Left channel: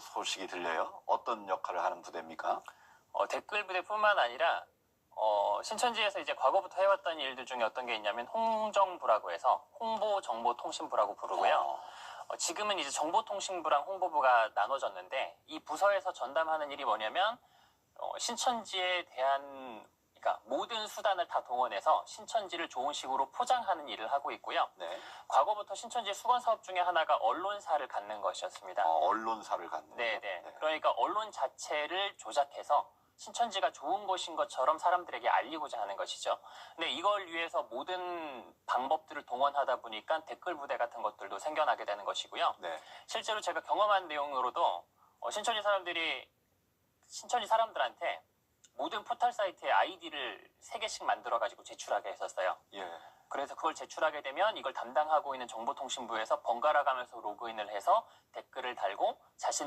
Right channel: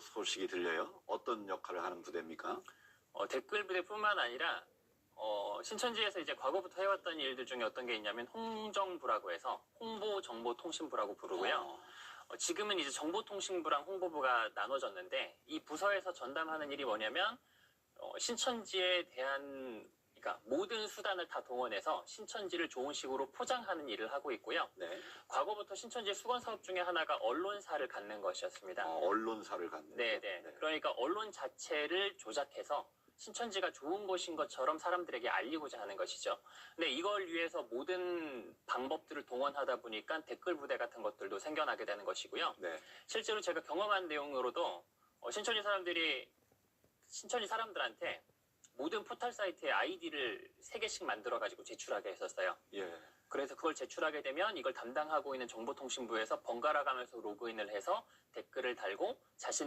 소식이 들려요. 어떤 역할을 하는 부대입니까? 어, 댓글 부대뿐만 아니라 어, 신천지에서 이제 과거부터 해왔던 일들 중에 어떤 게 있냐면 홍정부라고 해서 홍보정보통신부라고 부르고요. 어, 어, 지금은 이제 정보통신부랑 홍보부가 나눠졌는데 이 부서에서 전담하는 일이 뭐냐면 어, 신천지에 대한 수단을 다 동원해서 신천지를 좋은 식으로 포장하는 일을 하고 있고요. 네. 과거부터 신천지 수건 사업 중에 하나가 언론사를 갖는 것이었습니다. 어, 언론사를 갖는. 네, 거죠. 네. 그러니까 언론 자체를 조작해서 신천지가 좋은 곳인 것처럼 사람들에게 알리고자 하는 것이죠. 근데 이걸 위해서 모든 방법들을 동원하다 보니까 댓글 부대 같은 것들도 생겨나게 되는 것이고요. 네. 실제로 제가 경험한 내용으로도 어, 신천지 사람들이 신천지 사람들한테 모든 포털 사이트에 아이디를 세 개씩 만들어 가지고 제출하게 했었어요. 예. 그래서 그걸 제출하게 되면 이걸 담당하고 있는 정보통신부에서 번갈아 가면서 로그인을 해서 댓글을 달고 자신